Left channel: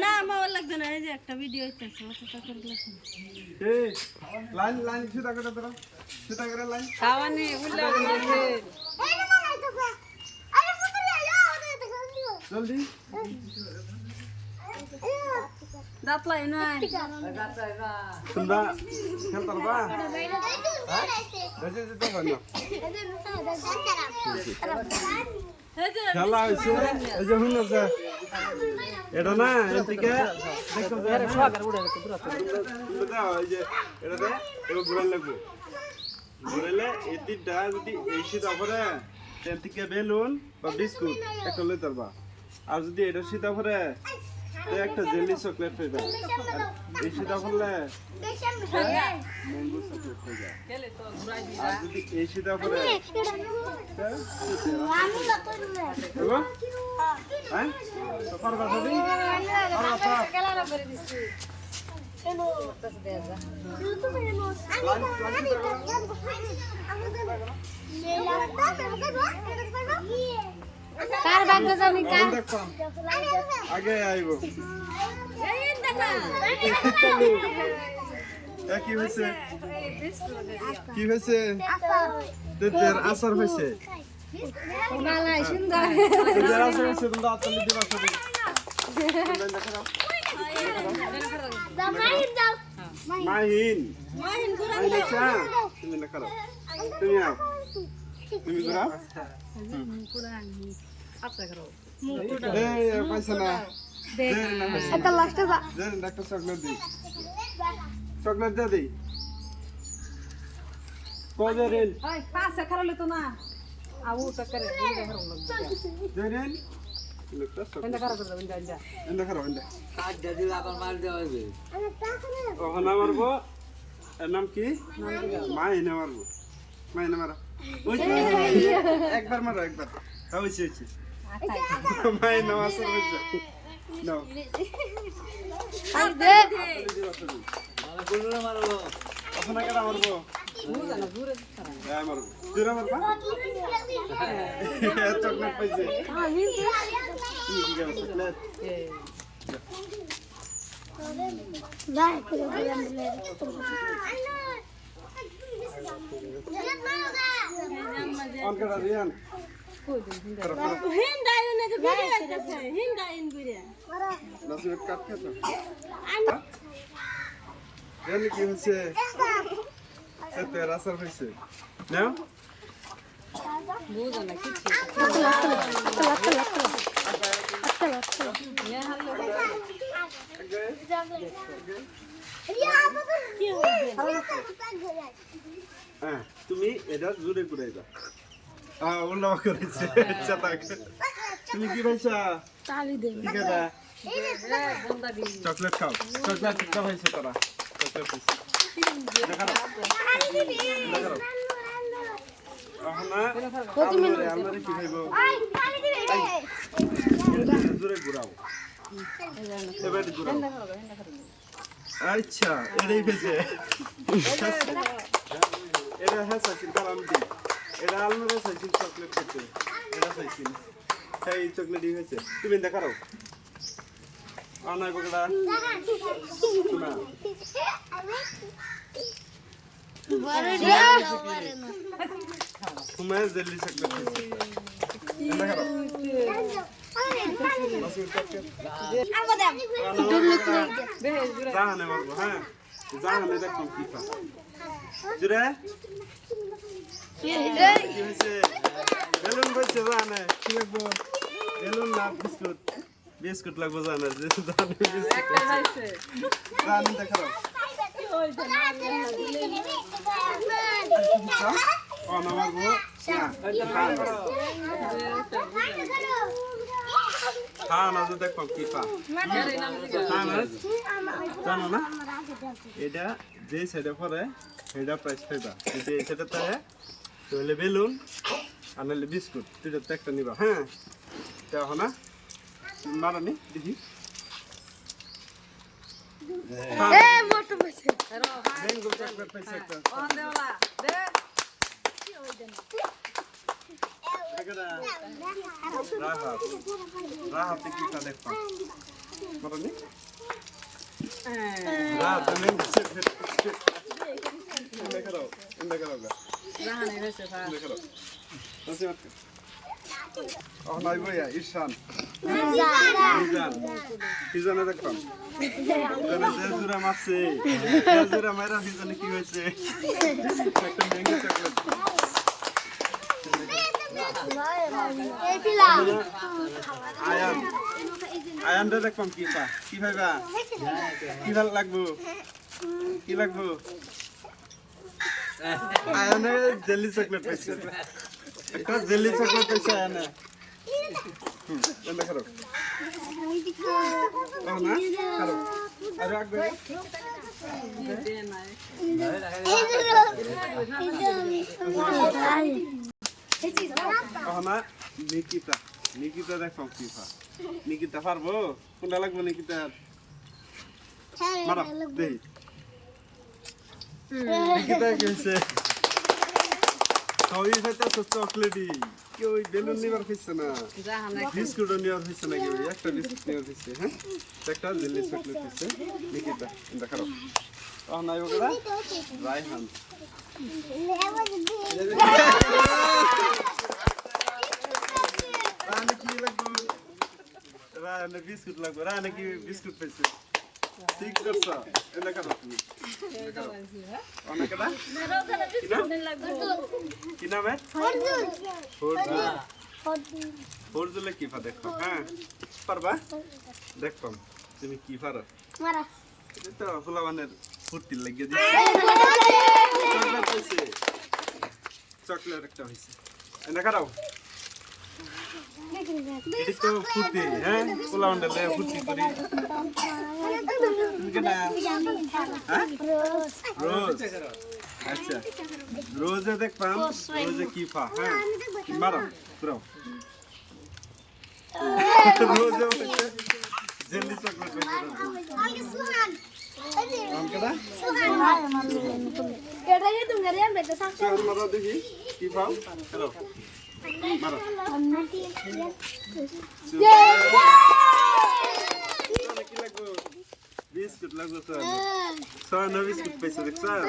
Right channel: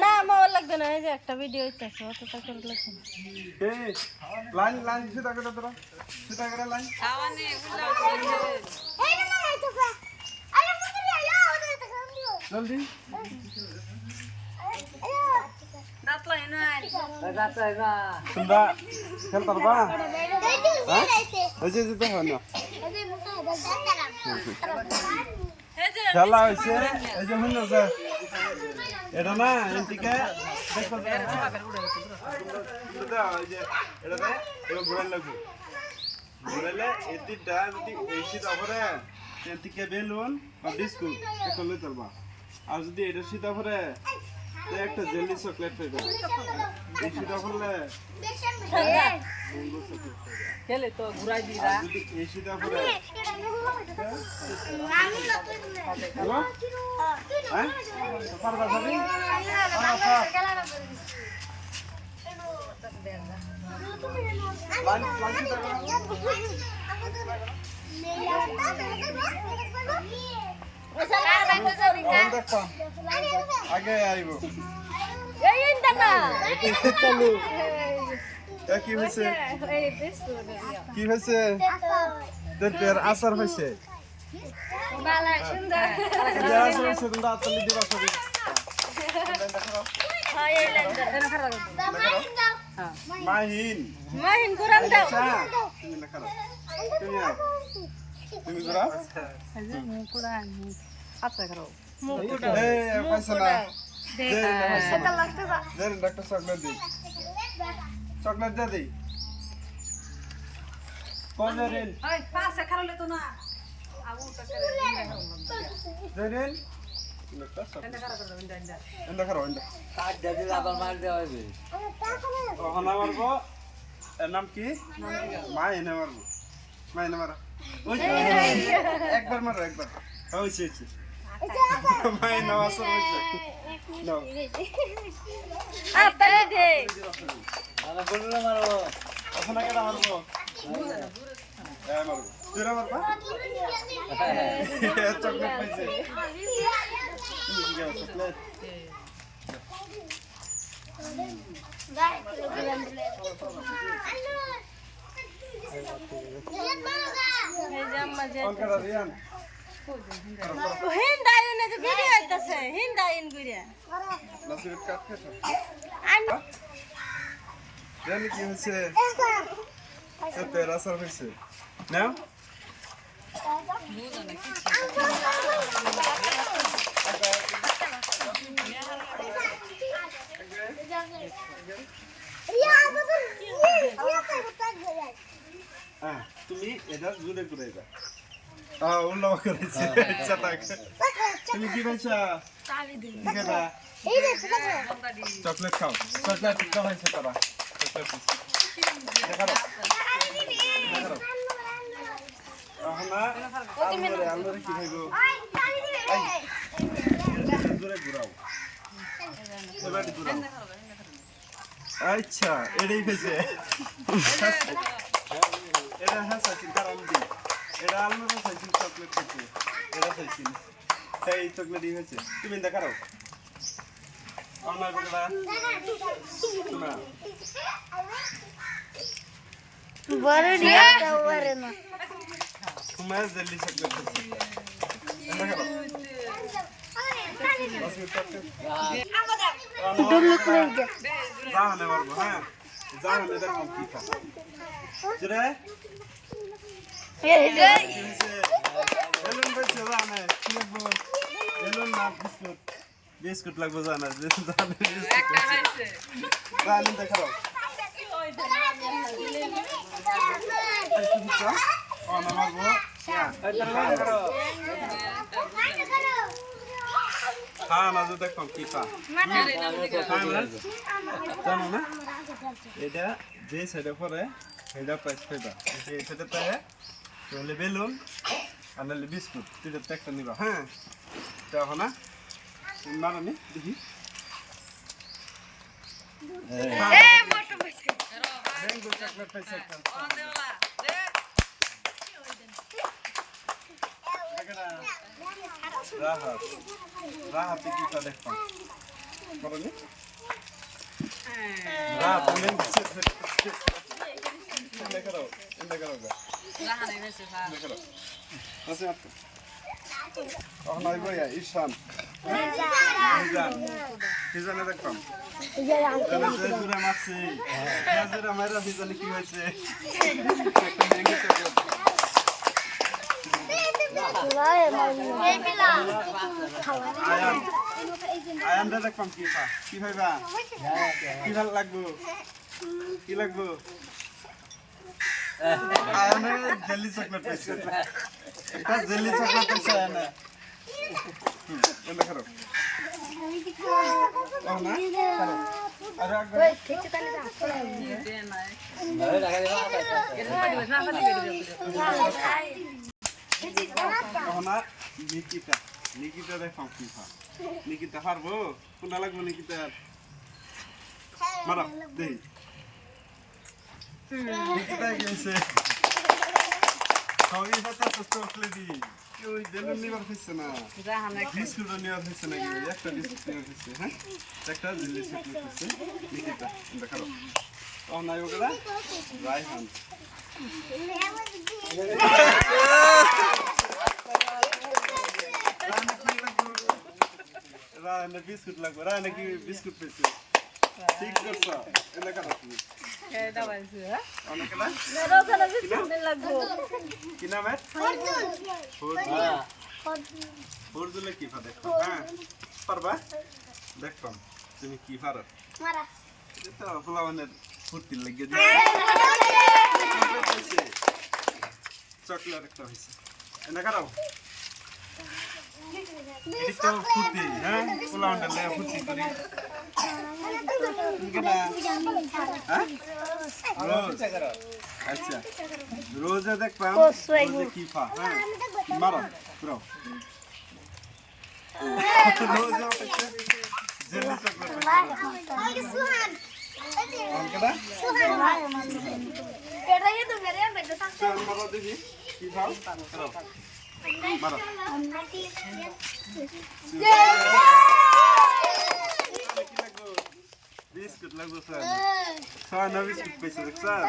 না আমার লাগবে না, এই যে একটা ভিডিও হইতাছে অতটা করে লাগবে না। এই লাইন লাইন সিধা করে ধরো, সিধা করে লাইন খাওয়ানি উল্লা উল্লা এই না মানে আইতাছে আরে ফুটুরি আয়া ওটা তো খান দিও জলদি দাঁতলাই নাই তোমরা খেল পারবা এই যে এই যে দেখো না এই যে মুটা এই যে খেলা হইছে এই যে হুন আছে এটা না এদিকে দেখো তোমরা দাও এই যে এটাতে এবার ঘুরান লাগবে ঘুরালে এটিটা যদি এই সিধা করে এদিকে বেলুন বা বিস্কুট একটা লই ধরবা আর যদি এটা সিধা করে তো একটা জেলি চকলেট পাইবা এই সিধা করলে মঙ্গো চকলেট পাইবা খেলে তো ঘুরাই দি আর যদি এই সিধা করে হ্যালো হ্যাঁ তো পারবা সবই পারবা কার ব্যাগ জানি অন দেখতাম আগে আইব এই দাদা কি হয়েছে কি হয়েছে তোর আসার হয়েছে মালা সুন্দর তোর আসার হয়েছে তোমরা আত্মলি দিবা সবই মাহিন মাহিন ঘুরান দাও। আচ্ছা তুমি না করো তুমি আও তুমি ঘুরাও মুকুটা এই পয়সা না এটা লাস্টে দেন ডাক্তার চকলেট দিই চকলেট দে দিই কজরেন ওই পাশে খারালে তো না আউ তো করে দেন ডাক্তার চকলেট এন্ডা খারাপ এন্ডা ওখানে মারবো এর নাম কি মাহিনে মারবো মাহিনে মারা ওই যে, একবার মারো একবার হয়েছে হয়েছে মাহিনে মারছে হয়েছে নাও আর দে দে ওখানে কেটা মারবো হ্যাঁ মারবো জোরে মারবা চকলেট পাইছে তুমি কি যাও চকলেট এই যে আম্মা যে অন করা দিয়ান করো করো হিন্দাইন যে ভিডিও হইতাছে হিন্দাইন কইরা নাসির কাট খেতো আন জানি কি হয়েছে তোর আসার হয়েছে নাও বুঝো না কিছু হ্যাঁ তুমি এটা জোরে ঘুরাইবা হ্যাঁ উল্লাহ করেছে আচ্ছা থাক তুমি কি পাইছা তালি দে ঠিক আছে এই যে চকলেট খাও চকলেট কি খাইছো তোরা চকলেট দেখাও দেখাও আলমারি আলমারি কি খাইবো জোরে ঘুরাও এবার ঘুরাও আচ্ছা এটাই খাইছে এটা হ্যাঁ চাইছিল কারণ কি এটা আলমারি চাইছিল চকলেট খাইছে এটা চাইছিল সেই চকলেটই হয়েছে তুমি দেখাও অনয় বগড়া শোনা বড় রে তুমি জেলি চকলেট খাইছে দেখাও জাহানে মারবো হ্যাঁ জাহানে দেখলাম কি খা জুড়ে কি হয়েছে বেলুন বলছে জানে কি লাগবো বেলুন না বিস্কুট বিস্কুট লাগবো জানে জানে বিস্কুট খাইছে জানে দেখাও অন মারবো হ্যাঁ না তো দেখলাম কি পা জানো না এটা যে সাইডে পরে সেটা প্রাইস পাইবা যদি এই সাইডে থাকে তাহলে বেলুন আর নাহলে বিস্কুট দুইটাতে একটা নিবা হ্যাঁ দেখো না মারানি দেখি ম্যাঙ্গো চকলেট পাইছে একটা কেডা রাহাত রাহাতে কি তা দেখতাম করনি রাহাত নেন এন্ড করো রাহানে হয়েছে ভাই এন্ড করো আচ্ছা নাই ভাইয়া ঈশান মিজান মিজানে দেখতাম মিজানে যে জুরা মারছে জুরা মারা মিজানে কি হয়েছে একটা ম্যাঙ্গো চকলেট আয়ান আয়ান দে দেখতাম কি পা কি ভাইবা কি ভাল লাগবো কি লাগবো আয়ানে জেলি চকলেট পাইছে একটা জেলি চকলেট পাইছে আয়ানে দেখো না করো আরে আগে দে নাই না নিকিতা নিকিতা দেখো কি পা নিকিতা পারবো কোনটা লাগবো নিকিতা মারা দেই নিকিতা কি হয়েছে সবই হয়তো চকলেটই কেউ ওই বেলুন নিবার হয়েছে না রাহানে বিস্কুটও নেওয়ার হয়েছে না কেউ একটা বিস্কুট নেওয়ার হয়েছে হ্যাঁ একটা জেলি চকলেট হয়েছে নিকিতা দেখারো নাই ওগুলা রায়হান রাহানে কি লাগবো রাহানে বিস্কুট লাগবো রাহানে কি বিস্কুট পেয়েছে ঠিক করছ এটা কারো তুমি কেডা বলছে হ্যাঁ অনেক না ওখানে বিস্কুট লাগবো কি নাম ফরজুলে কি পা দেখো হ্যাঁ পারবা দেখতাম তুমি কি পারো এটা ফুলাবানের ফুর্তির লাগিয়ে দিচ্ছি চকলেট হয়েছে চকলেট একটা হয়েছে এটা কারাও এটি তো ফুর্তি হ্যাঁ ফুলাবানের লেগে ফুর্তি করি তুমি কেনা হ্যাঁ রোজ আচ্ছা রোজে দেখতাম রোজে কি পা হ্যাঁ মারা পুরাও রোজে হচ্ছে জেলি চকলেট মারা দেখি কি পাও মারা কি লাগবো বিস্কুট লাগবো স্যার স্যার না বিস্কুট পাইছে দেখ স্যার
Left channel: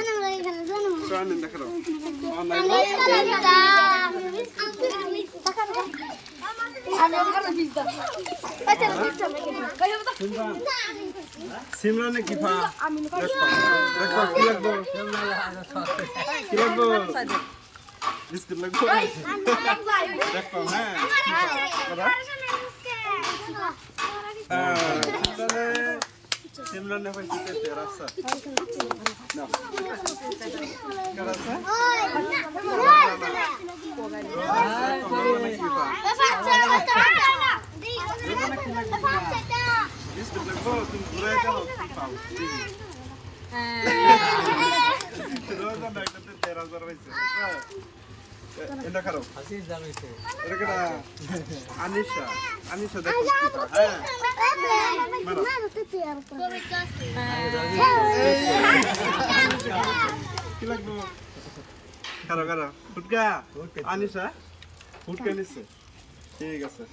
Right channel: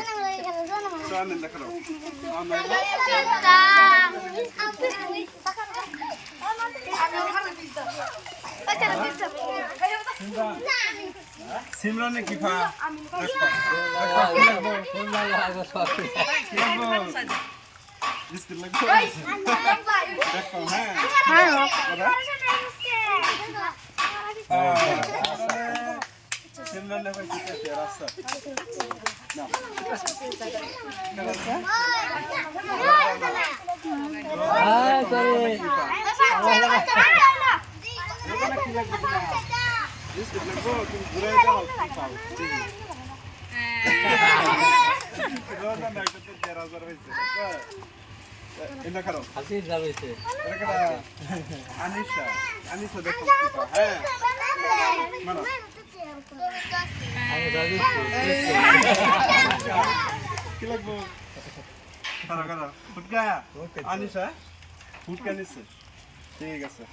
স্যার নেন দেখাও সিমরানে কি পা দেখো কি লাগবো কি লাগবো বিস্কুট লাগবো দেখো হ্যাঁ সিমরানে পাইছে রাস্তা না রাস্তা কি লাগবে বিস্কুট লাগবো তুমি ঘুরাই দাও কি পাও দেখি রোজা না করতে 13,000 হয়েছে এটা খারো এটা কেটা আনিশা আনিশা দেখো কি পা হ্যাঁ মারো কি লাগবো খারো খারো ফুটকা আনিশা ফুটকা নিচ্ছে ঠিক আছে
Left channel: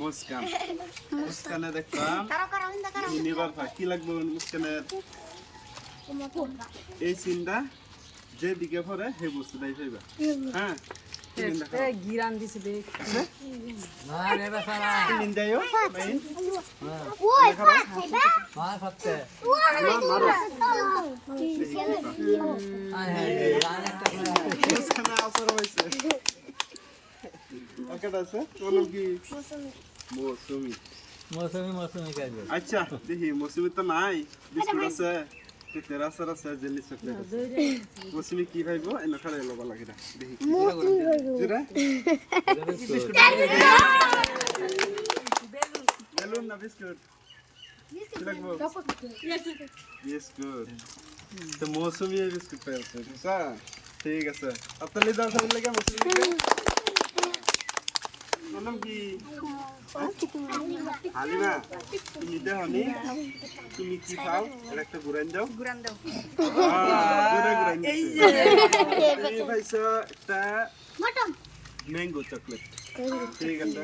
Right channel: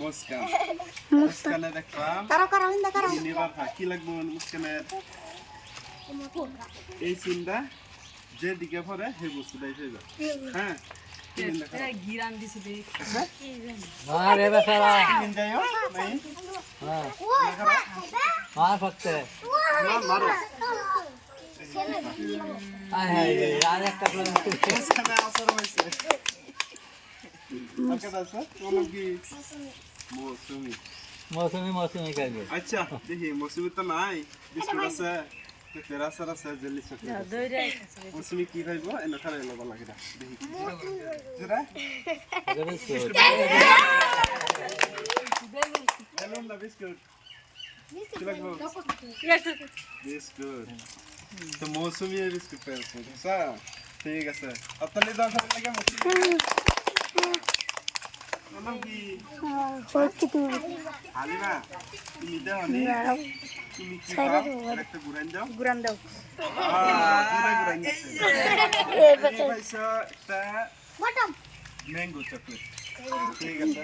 মুস্কান মুস্কানে দেখলাম নিবার ভাই কি লাগবে মুস্কানের এই সিনটা যেদিকে পরে সেই বস্তুটাই পাইবা হ্যাঁ কি দিন দেখা গিরান দিছি দেখ মারে বেচারা কি দিন যাইও মাইন দেখা রা মার ফতে না মারো আয় হায় আর একটা করে মুস্কানে আসর হইছে আর কত আছে তোমার কি মৌসুমি মৌসুমি মৌসুমি খাইবে আচ্ছা দেখি মৌসুমি তো নাই বিস্কুট আছে তেরা সারা আছে জেলি চকলেট আছে মৌসুমি কি ভাইবো এনে খালে লবা লাগে না দেখি জুরা বেলুন না বিস্কুট কি লাগবো বিস্কুট তো মৌসুমি বিস্কুট পেয়েছে বুঝছা ঠিক আছে আপনার দাও সব লাগে মৌসুমি নাম কি হালিমা তুমি দাও নি তুমি কি খাও একটা গুরান দাও গুরান গুরান দিছে এই ভাইসা একটা ম্যাঙ্গো চকলেট ঠিক আছে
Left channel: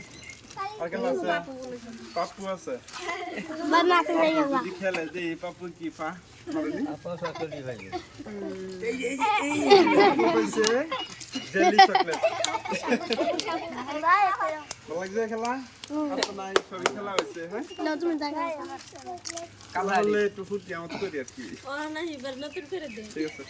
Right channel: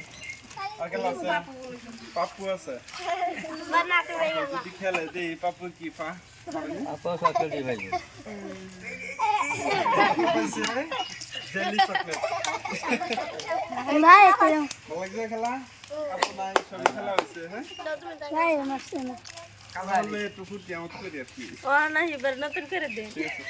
আর কেলা আছে পাপ্পু আছে পাপ্পু যদি খেলে যে এই পাপ্পু কি পা করেনি আপা চকলেট খাইবে পাপ্পু পাইছে জেলি চকলেট নাই কইও ভালো লাগছে খেলা আপনার সবই খেলা হয়েছে হ্যাঁ না তুমি নাই মারছ না কালা হলে একটু ফুটি আমার করে আর কি ও না এবার নতুন করে দে ঠিক আছে